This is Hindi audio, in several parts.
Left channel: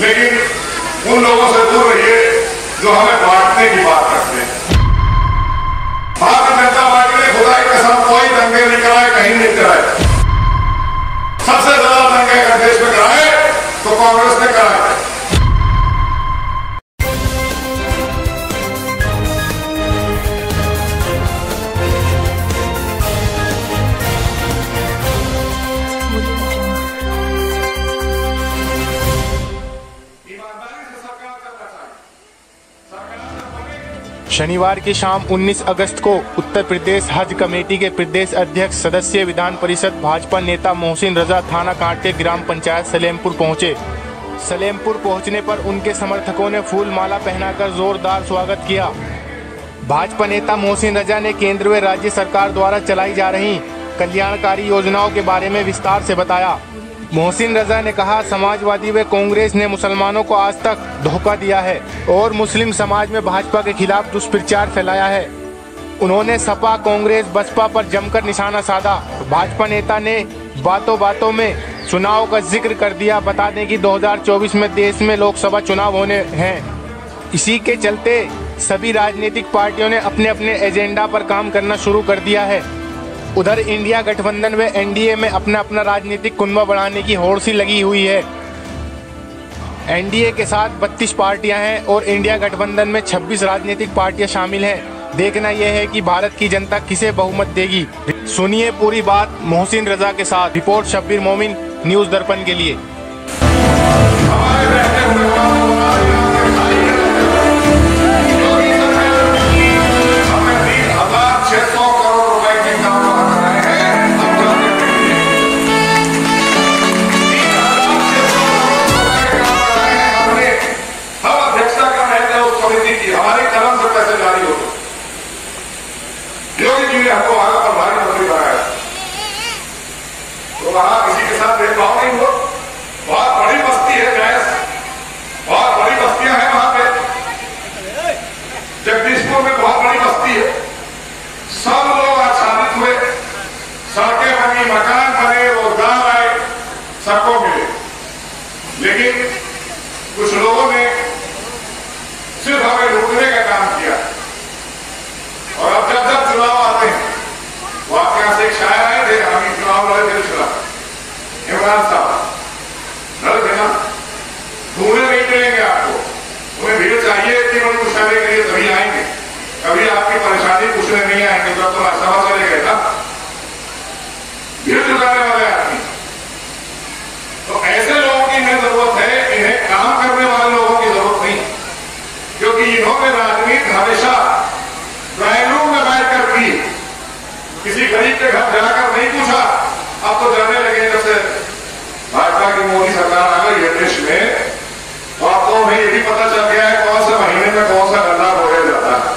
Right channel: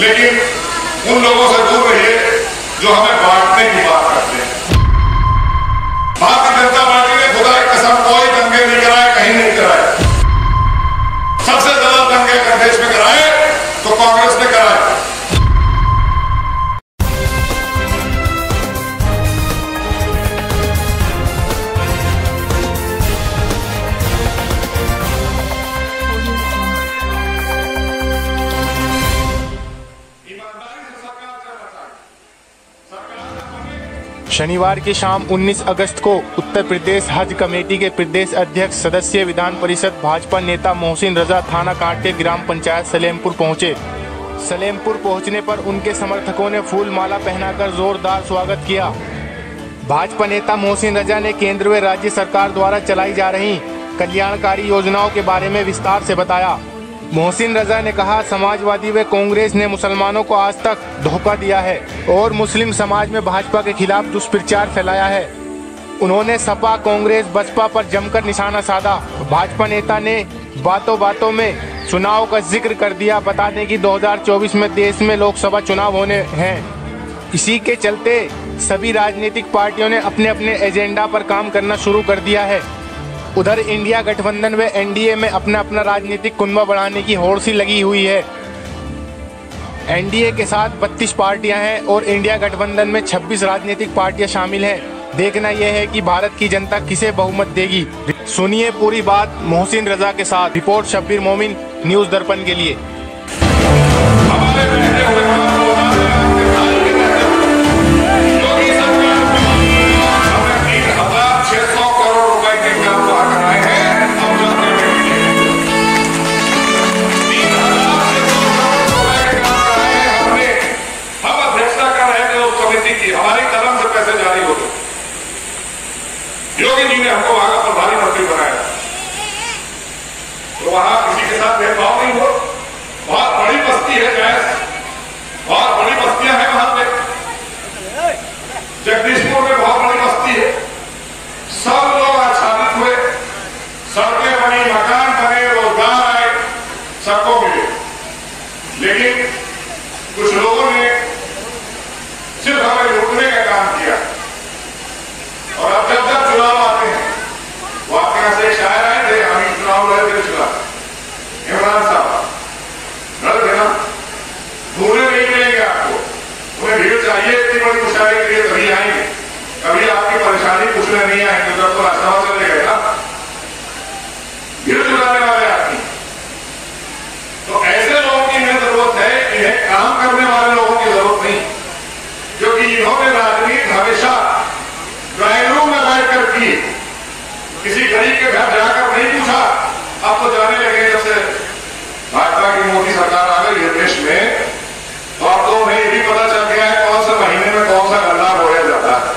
लेकिन उन लोगों से दूर रहिए जो हमें बांटने की बात करते हैं। भारतीय जनता पार्टी ने खुदा की कसम कोई दंगे नहीं कराए, कहीं नहीं कराए। सबसे ज्यादा दंगे अगर देश में कराए तो कांग्रेस ने कराए। शनिवार की शाम 19 अगस्त को उत्तर प्रदेश हज कमेटी के प्रदेश अध्यक्ष सदस्य विधान परिषद भाजपा नेता मोहसिन रजा थाना कांट के ग्राम पंचायत सलेमपुर पहुंचे। सलेमपुर पहुंचने पर उनके समर्थकों ने फूल माला पहनाकर जोरदार स्वागत किया। भाजपा नेता मोहसिन रजा ने केंद्र व राज्य सरकार द्वारा चलाई जा रही कल्याणकारी योजनाओं के बारे में विस्तार से बताया। मोहसिन रजा ने कहा, समाजवादी व कांग्रेस ने मुसलमानों को आज तक धोखा दिया है और मुस्लिम समाज में भाजपा के खिलाफ दुष्प्रचार फैलाया है। उन्होंने सपा, कांग्रेस, बसपा पर जमकर निशाना साधा। भाजपा नेता ने बातों बातों में चुनाव का जिक्र कर दिया। बता दें कि 2024 में देश में लोकसभा चुनाव होने हैं। इसी के चलते सभी राजनीतिक पार्टियों ने अपने अपने एजेंडा पर काम करना शुरू कर दिया है। उधर इंडिया गठबंधन व एनडीए में अपना अपना राजनीतिक कुनबा बढ़ाने की होड़ सी लगी हुई है। एनडीए के साथ 32 पार्टियां हैं और इंडिया गठबंधन में 26 राजनीतिक पार्टियां शामिल हैं। देखना यह है कि भारत की जनता किसे बहुमत देगी। सुनिए पूरी बात मोहसिन रजा के साथ। रिपोर्ट शब्बीर मोमिन, न्यूज दर्पण के लिए। योगी जी ने हमको आगे प्रधानमंत्री बनाया तो वहां किसी के साथ भेदभाव नहीं हुआ। बहुत बड़ी बस्ती है जायज, बहुत बड़ी बस्तियां हैं वहां पे। जगदीशपुर में बहुत बड़ी बस्ती है। सब लोग आच्छादित हुए, सड़कें बनी, मकान बने, रोजगार आए, सबको मिले। लेकिन कुछ लोगों ने सिर्फ हमें लूटने का काम किया। और अब जब जब चुनाव आते हैं, वो आपके यहां से एक शायर आए थे, हम चुनाव लड़े थे, चुनाव इमरान साहब लड़ देना, घूमने नहीं मिलेंगे आपको। उन्हें भीड़ चाहिए इतनी बड़ी मुशायरे के लिए तभी आएंगे, कभी आपकी परेशानी पूछने नहीं आएंगे। जब तो रास्ता चले गए ना, भीड़ जुटाने वाले आदमी। तो ऐसे लोगों की इन्हें जरूरत है, इन्हें काम करने वाले लोगों की जरूरत नहीं, क्योंकि इन्होंने राजनीति हमेशा ड्राइंग रूम में बैठकर की। किसी गरीब के घर जाकर नहीं पूछा। अब तो जाने लगे, जब से भाजपा की मोदी सरकार आ गई है देश में, तो अब तो उन्हें ये भी पता चल गया है कौन से महीने में कौन सा गन्ना बोया जाता है।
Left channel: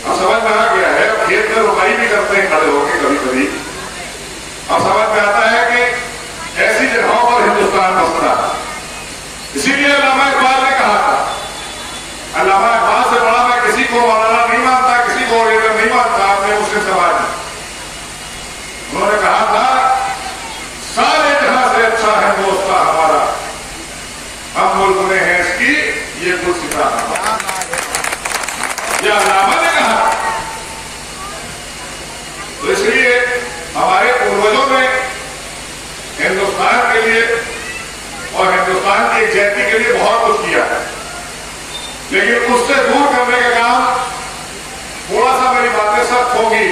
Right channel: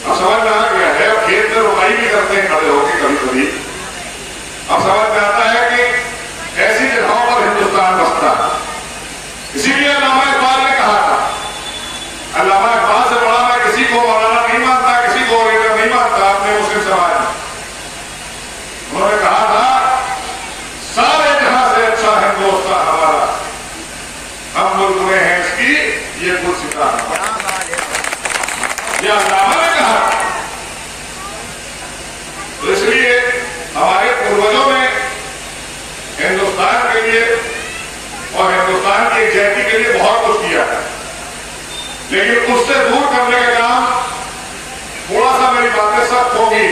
अब समझ में आ गया है। अब खेत में रुपाई भी करते हैं खड़े होकर कभी कभी। अब समझ में आता है कि ऐसी जगहों पर हिंदुस्तान बसता है। इसीलिए अल्लामा इकबाल ने कहा था, अल्लामा इकबाल से बड़ा मैं किसी को मौलाना नहीं मानता, किसी को लीडर नहीं मानता अपने मुस्लिम समाज में। उन्होंने कहा था, सारे जहां से अच्छा है दोस्ता हमारा, हम मुल्क में हैं इसकी ये कुछ सितारा। यह अल्लामा ने कहा। तो इसलिए हमारे पूर्वजों ने हिंदुस्तान के लिए और हिंदुस्तान की एकजुटता के लिए बहुत कुछ किया है। लेकिन उससे दूर करने का काम, थोड़ा सा मेरी बातें सख्त होगी।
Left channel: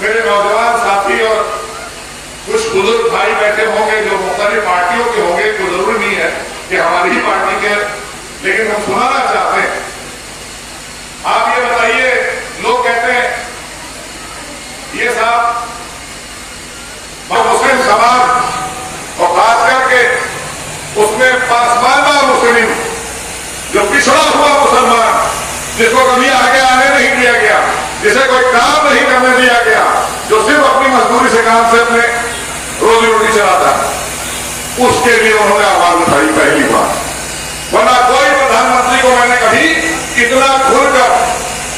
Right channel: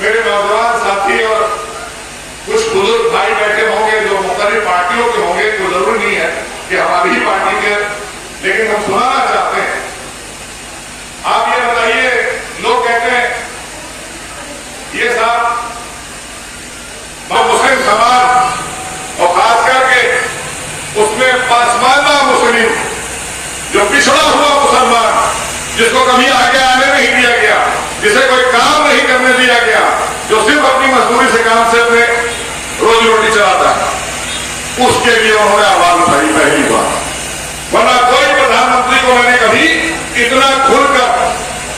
मेरे नौजवान साथी और कुछ बुजुर्ग भाई बैठे होंगे जो मुख्तलिफ पार्टियों के होंगे, तो जरूरी नहीं है कि हमारी ही पार्टी के, लेकिन हम सुनाना चाहते हैं। आप ये बताइए, लोग कहते हैं ये साहब मुस्लिम समाज और खास करके उसमें पसमानदा मुस्लिम, जो पिछड़ा हुआ मुसलमान, जिसको कभी आगे आने नहीं दिया गया, जिसे कोई काम नहीं करने दिया गया, जो सिर्फ अपनी मजदूरी से काम से अपने रोजी रोटी चलाता, उसके लिए उन्होंने आवाज उठाई पहली बार। वरना कोई प्रधानमंत्री को मैंने कभी इतना खुलकर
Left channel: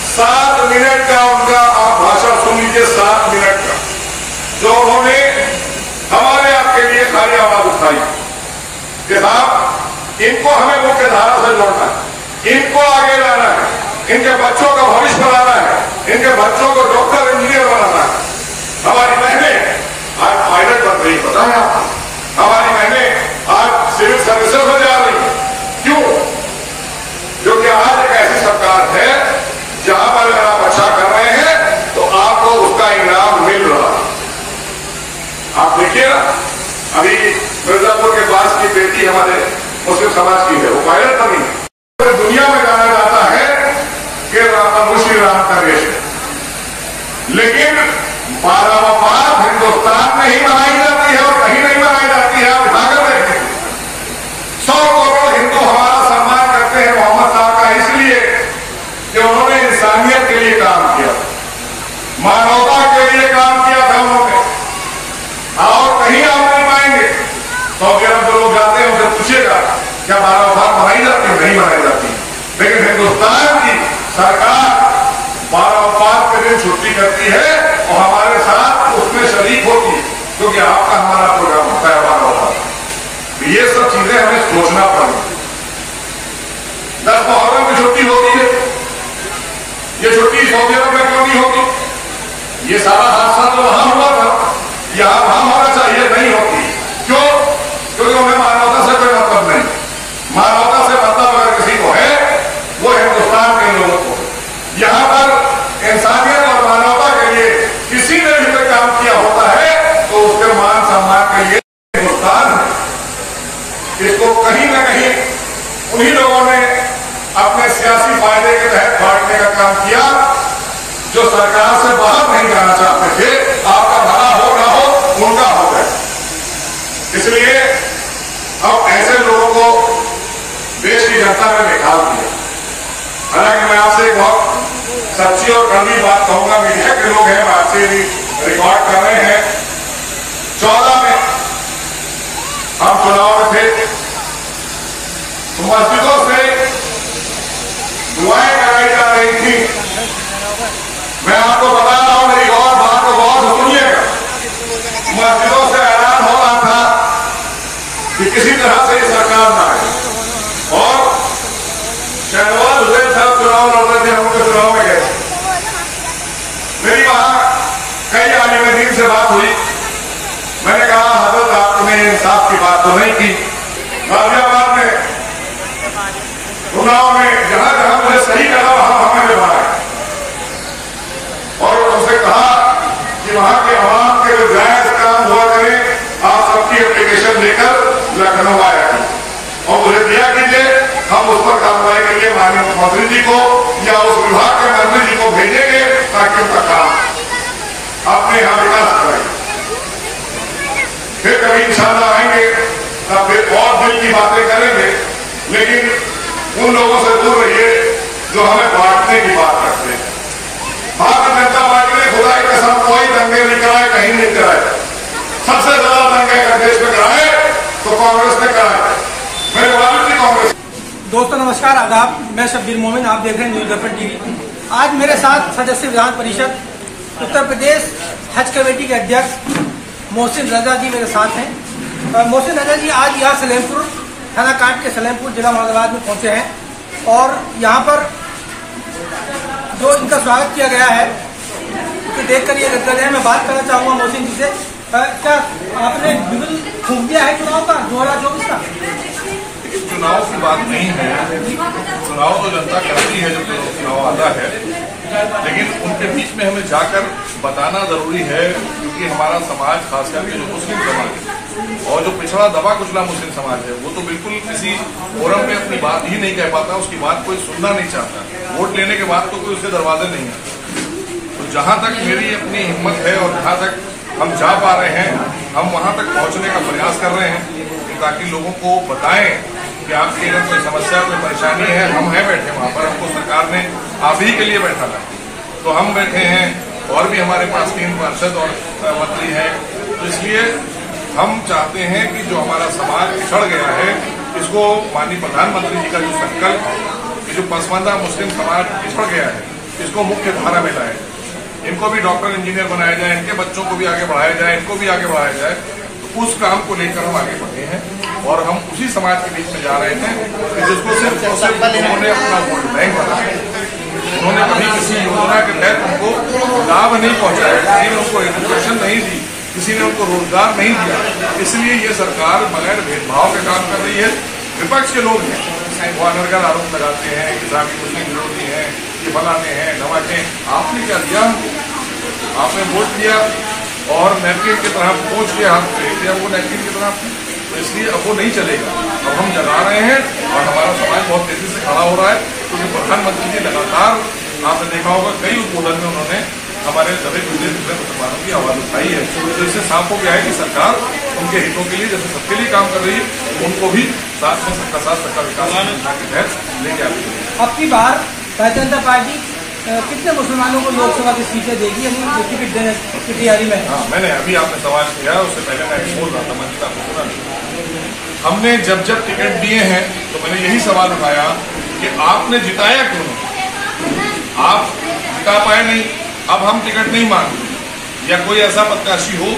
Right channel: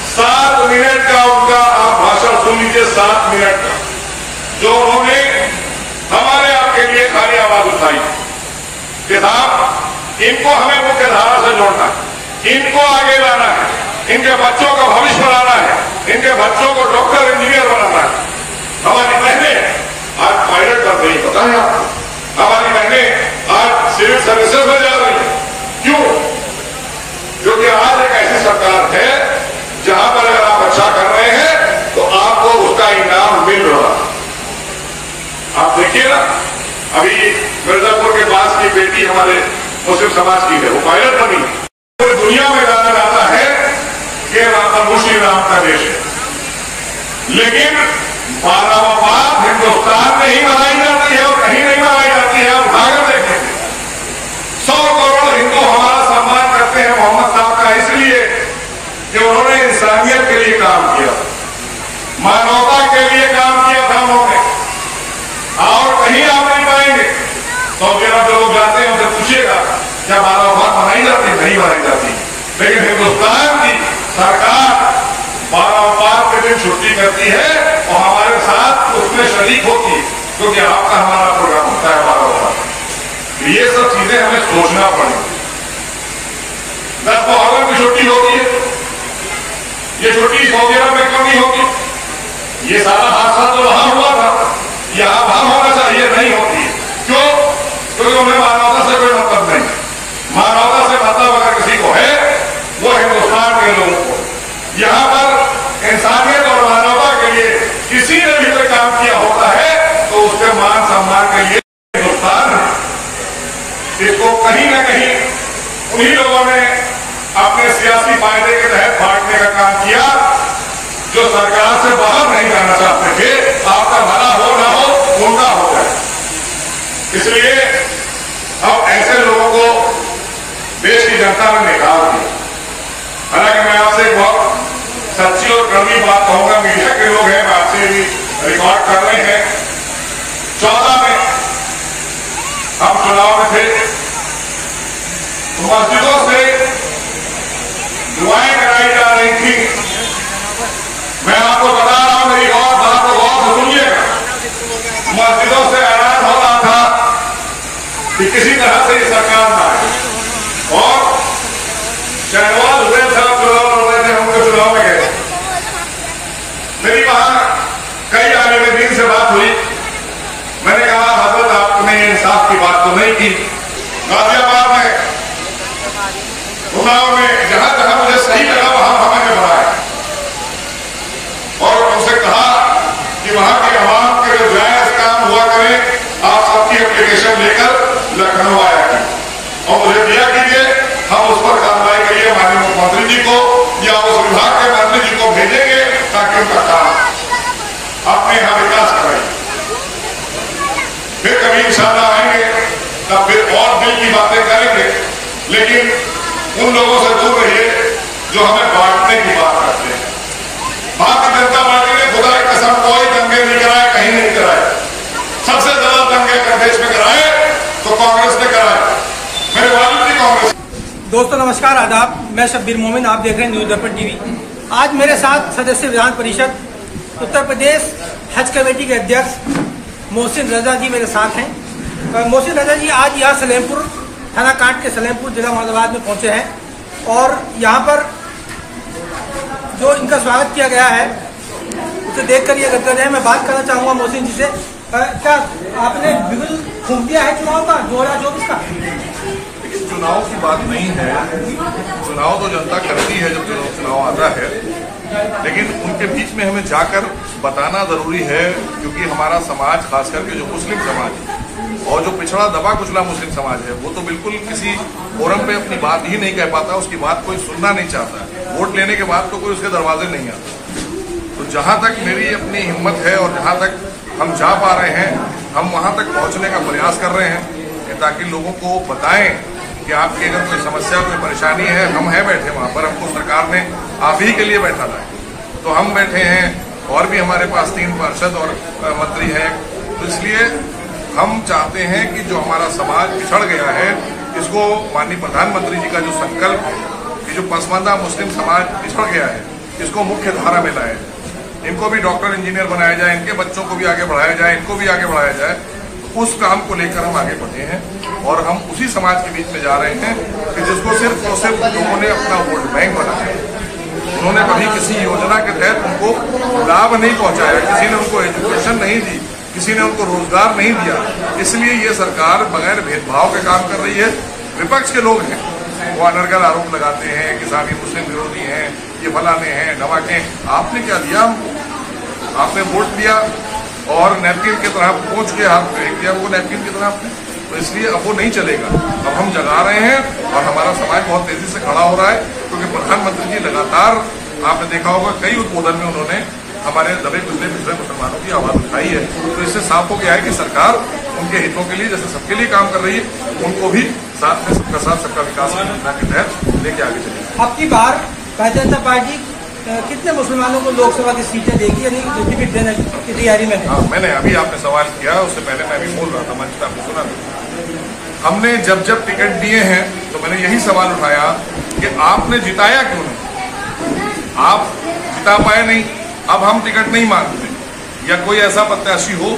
7 मिनट का उनका आप भाषण सुन लीजिए, 7 मिनट का, जो उन्होंने हमारे आपके लिए खाली आवाज उठाई। कि साहब इनको हमें मुख्य धारा से जोड़ना है, इनको आगे लाना है, इनके बच्चों का भविष्य बनाना है, इनके बच्चों को डॉक्टर इंजीनियर बनाना है। हमारी बहनें आज पायलट बन रही, पता है आपको? हमारी बहनें आज सिविल सर्विसेज में जा रही है। क्यों? क्योंकि आज एक ऐसी सरकार है जहां पर अगर आप अच्छा कर रहे हैं तो आपको उसका इनाम मिल रहा है। आप देखिए ना, अभी मिर्जापुर के पास की बेटी हमारे मुस्लिम समाज की है, वो पायलट बनी है। पूरी दुनिया में जाना जाता है कि मुस्लिम राम का देश है, लेकिन 12वां बात हिंदुस्तान में ही मनाई जाती है और कहीं नहीं मनाई जाती है। आप उठाकर देखेंगे 100 करोड़ हिंदू हमारा सम्मान करते हैं मोहम्मद साहब का, इसलिए कि उन्होंने इंसानियत के लिए काम किया, मानवता के लिए काम किया था उन्होंने। और कहीं आप नहीं पाएंगे। सऊदी अरब जो लोग जाते हैं उनसे पूछिएगा क्या 12वां बात मनाई जाती? नहीं मनाई जाती। लेकिन हिंदुस्तान की सरकार 12वां बात के दिन छुट्टी करती है और हमारे साथ उसमें शरीक होती है, क्योंकि आपका हमारा प्रोग्राम होता है 12वां बात। ये सब चीजें हमें सोचना पड़ेगी। 10 मुहर्रम की छुट्टी होती है, ये छुट्टी सऊदी अरब में क्यों नहीं होती? ये सारा हादसा तो वहां हुआ था, यहां वहां होना चाहिए, नहीं होती है। क्यों? क्योंकि उन्हें मानवता से कोई मतलब नहीं। मानवता से मतलब अगर किसी को है वो हिंदुस्तान के लोगों को, यहां पर इंसानियत और मानवता के लिए किसी ने भी कोई काम किया होता है तो उसके मान सम्मान के लिए हिंदुस्तान है। इसको कहीं न कहीं उन्हीं लोगों ने अपने सियासी फायदे के तहत बांटने का काम किया जो सरकार से बाहर नहीं जाना चाहते थे। आपका भला हो ना हो, उनका हो गया। इसलिए अब ऐसे लोगों को देश की जनता ने निकाल दिया। हालांकि मैं आपसे एक बहुत सच्ची और कड़वी बात कहूंगा, मीडिया के लोग हैं, आपसे भी रिकॉर्ड कर रहे हैं। 14 में हम चुनाव में थे, मस्जिदों से दुआएं कराई जा रही थी। मैं आपको बता रहा हूं, मेरी बात को गौर से सुनिएगा। मस्जिदों से ऐलान हो रहा था कि किसी तरह से सरकार ना आए, और शहनवाज हुसैन साहब चुनाव लड़ रहे थे, उनको चुनाव में गए। मेरी वहां कई आलिम से बात हुई। मैंने कहा हजरत आपने इंसाफ की बात तो नहीं की। गाजियाबाद में चुनाव में जहां जहां मुझे सही लगा वहां मैंने बनाया और उनसे कहा कि वहां के अवाम के जो जायज काम हुआ करें, आप सबकी एप्लीकेशन लेकर लखनऊ आया करें और मुझे दिया कीजिए। हम उस पर कार्रवाई के लिए माननीय मुख्यमंत्री जी को या उस विभाग के मंत्री जी को भेजेंगे ताकि उनका काम अपने यहां विकास करें। फिर कभी इंशाअल्लाह आएंगे तब फिर और दिल की बातें करेंगे, लेकिन उन लोगों से दूर रहिए जो हमें बांटने की बात करते हैं। भारतीय जनता पार्टी ने खुदा की कसम कोई दंगे नहीं कराए, कहीं नहीं कराए। सबसे ज्यादा दंगे अगर देश में कराए तो कांग्रेस ने कराए। मेरे वालिद जी कांग्रेस। दोस्तों नमस्कार, आदाब। मैं शब्बीर मोमिन, आप देख रहे हैं न्यूज दर्पण टीवी। आज मेरे साथ सदस्य विधान परिषद उत्तर प्रदेश हज कमेटी के अध्यक्ष मोहसिन रजा जी मेरे साथ हैं। मोहसिन रजा जी आज यहाँ सलेमपुर थाना काट के सलेमपुर जिला मुरादाबाद में पहुंचे हैं और यहाँ पर जो इनका स्वागत किया गया है उसे देखकर ये गदगद है। मैं बात करना चाहूंगा मोहसिन जी से, क्या आपने बिल फूंक दिया है चुनाव का 2024 का? चुनाव की बात नहीं है, चुनाव तो जनता करती है जब चुनाव आता है, लेकिन उनके बीच में हमें जाकर बताना जरूरी है, क्योंकि हमारा समाज खास करके जो मुस्लिम समाज है और जो पिछड़ा दबा कुचला मुस्लिम समाज है वो तो बिल्कुल किसी फोरम पे अपनी बात ही नहीं कह पाता, उसकी बात कोई सुनना नहीं चाहता। वोट लेने के बाद तो कोई उसके दरवाजे नहीं आता। तो जहां तक मेरी अपनी हिम्मत है और जहां तक हम जा पा रहे हैं, हम वहां तक पहुंचने का प्रयास कर रहे हैं ताकि लोगों को बताएं कि आपकी अगर कोई समस्या कोई परेशानी है, हम हैं बैठे वहां पर। हमको सरकार ने आप ही के लिए बैठा था, तो हम बैठे हैं और भी हमारे पास 3 पार्षद और मंत्री हैं। तो इसलिए हम चाहते हैं कि जो हमारा समाज पिछड़ गया है, इसको माननीय प्रधानमंत्री जी का जो संकल्प है कि जो पसमानदा मुस्लिम समाज पिछड़ गया है, इसको मुख्य धारा में लाया जाए, इनको भी डॉक्टर इंजीनियर बनाया जाए, इनके बच्चों को भी आगे बढ़ाया जाए, इनको भी आगे बढ़ाया जाए। उस काम को लेकर हम आगे बढ़े हैं। और हम उसी समाज के बीच में जा रहे हैं कि जिसको सिर्फ और सिर्फ लोगों ने अपना वोट बैंक बनाया। उन्होंने कभी किसी योजना के तहत उनको लाभ नहीं पहुंचाया, किसी ने उनको एजुकेशन नहीं दी, किसी ने उनको रोजगार नहीं दिया। इसलिए ये सरकार बगैर भेदभाव के काम कर रही है। विपक्ष के लोग हैं वो अनर्गल आरोप लगाते हैं कि साहब मुस्लिम विरोधी हैं, ये फलाने हैं, नवाके। आपने क्या दिया हमको? आपने वोट दिया और नैपकिन की तरह पहुंच के हाथ फेंक दिया हमको नैपकिन की तरह आपने। तो इसलिए अब वो नहीं चलेगा। अब हम जगा रहे हैं और हमारा समाज बहुत तेजी से खड़ा हो रहा है, क्योंकि प्रधानमंत्री जी लगातार आपने देखा होगा कई उद्बोधन में उन्होंने हमारे दबे कुचले दूसरे मुसलमानों की आवाज उठाई है। तो इससे साफ हो गया है कि सरकार उनके हितों के लिए जैसे सबके लिए काम कर रही है, उनको भी साथ में सबका साथ सबका विकास योजना के तहत लेके आगे चलेगी। अब की बार भारतीय जनता पार्टी कितने मुसलमानों को लोकसभा की सीटें देगी, यानी टिकट देने की तैयारी में? हाँ, मैंने अभी आपने सवाल किया, उससे पहले मैं भी बोल रहा था, मंच आपने सुना नहीं। हमने जब जब टिकट दिए हैं तो मैंने यही सवाल उठाया कि आपने जिताया क्यों नहीं? आप जिता पाए नहीं, अब हम टिकट नहीं मांगते। या कोई ऐसा प्रत्याशी हो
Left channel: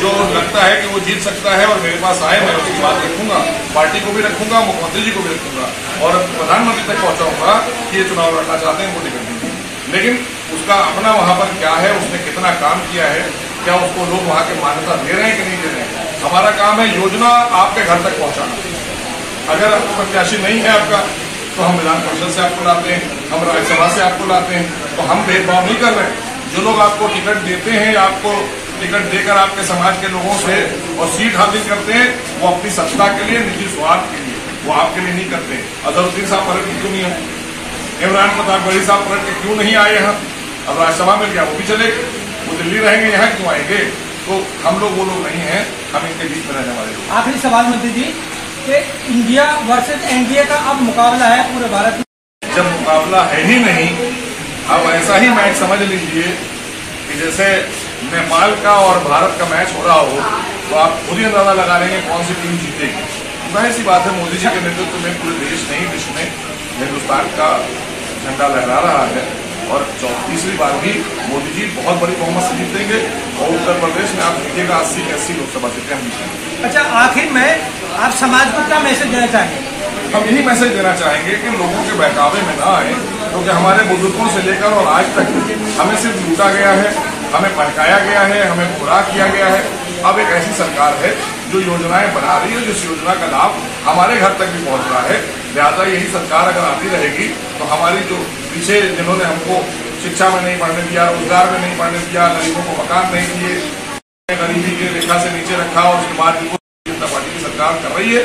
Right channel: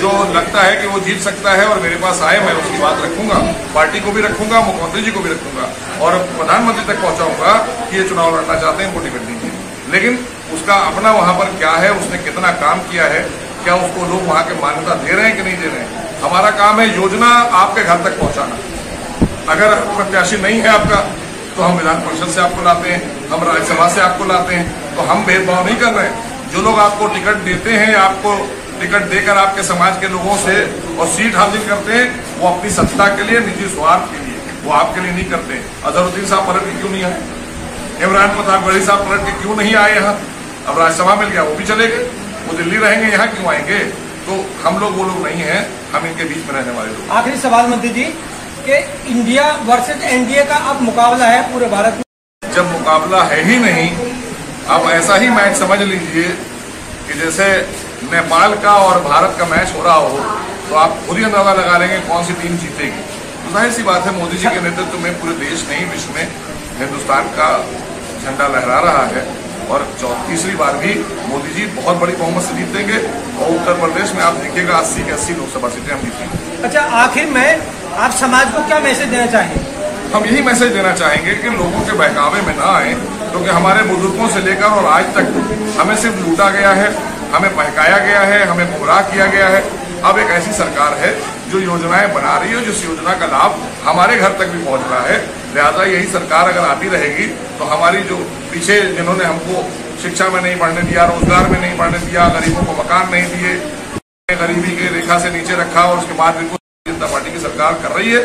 जो लगता है कि वो जीत सकता है और मेरे पास आए, मैं उसकी बात रखूंगा, पार्टी को भी रखूंगा, मुख्यमंत्री जी को भी रखूंगा और प्रधानमंत्री तक पहुंचाऊंगा कि ये चुनाव लड़ना चाहते हैं, उनको टिकट दीजिए। लेकिन उसका अपना वहां पर क्या है, उसने कितना काम किया है, क्या उसको लोग वहां के मान्यता दे रहे हैं कि नहीं दे रहे हैं। हमारा काम है योजना आपके घर तक पहुंचाना। अगर प्रत्याशी नहीं है आपका तो हम विधान परिषद से आपको लाते हैं, हम राज्यसभा से आपको लाते हैं। तो हम भेदभाव नहीं कर रहे हैं। जो लोग आपको टिकट देते हैं, आपको टिकट देकर आपके समाज के लोगों से और सीट हासिल करते हैं, वो अपनी सत्ता के लिए, निजी स्वार्थ के लिए, वो आपके लिए नहीं करते। अजहरुद्दीन साहब पलट के क्यों नहीं आए? इमरान प्रताप गढ़ी साहब पलट के क्यों नहीं आए यहाँ? अब राज्यसभा मिल गया, वो भी चले गए, वो दिल्ली रहेंगे, यहाँ क्यों आएंगे? तो हम लोग वो लोग नहीं हैं, हम इनके बीच में रहने वाले लोग। आखिरी सवाल मंत्री जी कि इंडिया वर्सेज एनडीए का अब मुकाबला है पूरे भारत में। जब मुकाबला है ही नहीं, आप ऐसा ही मैच समझ लीजिए कि जैसे नेपाल का और भारत का मैच हो रहा हो, तो आप खुद ही अंदाजा लगा लेंगे कौन सी टीम जीतेगी। जाहिर सी बात है, मोदी जी के नेतृत्व में पूरे देश नहीं विश्व में हिंदुस्तान का झंडा लहरा रहा है और तीसरी बार भी मोदी जी बहुत बड़ी बहुमत से जीतेंगे और उत्तर प्रदेश में आप देखिएगा 80 की 80 लोकसभा सीटें हम जीतेंगे। अच्छा, आखिर में आप समाज को क्या मैसेज देना चाहेंगे? हम यही मैसेज देना चाहेंगे कि लोगों के बहकावे में ना आए, क्योंकि हमारे बुजुर्गों से लेकर और आज तक हमें सिर्फ लूटा गया है, हमें बहकाया गया है, हमें गुमराह किया गया है। अब एक ऐसी सरकार है जो योजनाएं बना रही है, जिस योजना का लाभ हमारे घर तक भी पहुंच रहा है। लिहाजा यही सरकार अगर आती रहेगी तो हमारी जो पीछे जिन्होंने हमको शिक्षा में नहीं पढ़ने दिया, रोजगार में नहीं पढ़ने दिया, गरीबों को मकान नहीं दिए, गरीबी के रेखा से नीचे रखा और उसके बाद भी जनता पार्टी की सरकार कर रही है।